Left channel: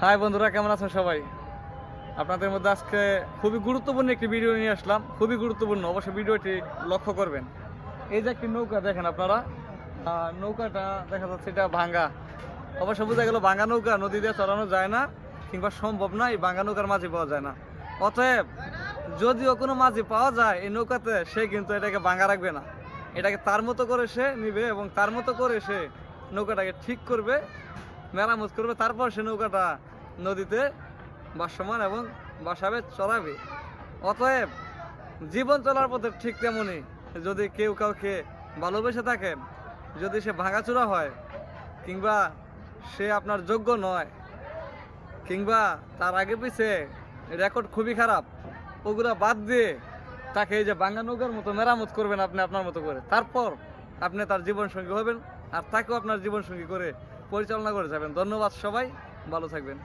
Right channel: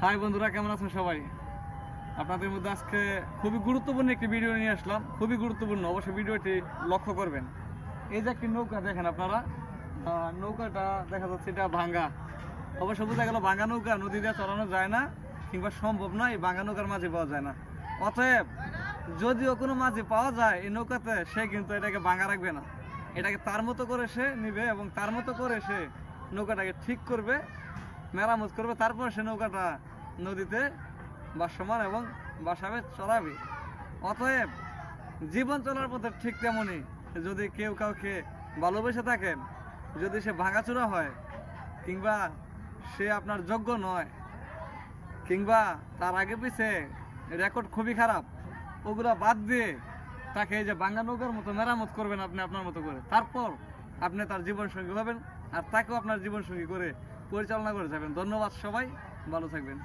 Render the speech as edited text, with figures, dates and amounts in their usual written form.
High বন্ধুরা, কেমন আছেন সবাই? আপনাদের মধ্যে আজকে খুবই গুরুত্বপূর্ণ একটি ভিডিও নিয়ে আসলাম। খুবই গুরুত্বপূর্ণ, অবশ্যই ভিডিওটি লক্ষ্য করবেন। এই যে একটি নৌকা দেখেন আপনারা, নৌকাটা দেখা যাচ্ছে এটা ভাঙ্গা। অবশ্য বোঝা গেল ভাঙ্গা নৌকা নদী দিয়ে চালানো যায় না, কিংবা সম্ভব না, এই ভাঙ্গা নৌকার মাঝি পাওয়া যায় না। অতএব যদিও কোনো মাঝি পাওয়া যায় এই নৌকাতে, সে কিন্তু এটাকে ভাঙ্গা রাখবে না। এটাকে তার মতো করে সে নিবে এবং তার মতো করে সে নৌকাটাকে ঠিক করবে, মেরামত করবে, তারপর সে নৌকাটা নদীতে ভাসমান এবং বাসাবে চড়াবে। অতএব জীবন চলার পথে ঠিক তেমনই, যদি কেউ কাউকে ভালোবেসে থাকেন, যদি সে ভাঙাচোরা হয়, কিংবা সে আপনার যোগ্য নয়, কিংবা তার আগে পিছে রেকর্ড খুবই খারাপ, ওগুলা বাদ দিয়ে তাকে এই যে ভাঙ্গা নৌকার মতো মেরামত করবেন আপনি আপনার মতো করে, তারপর আপনি তার জীবনসঙ্গী হবেন আর তাকেও আপনার জীবনসঙ্গী করে পরিচালনা করে যাবেন। ধন্যবাদ সবাই, ভালো থাকবেন।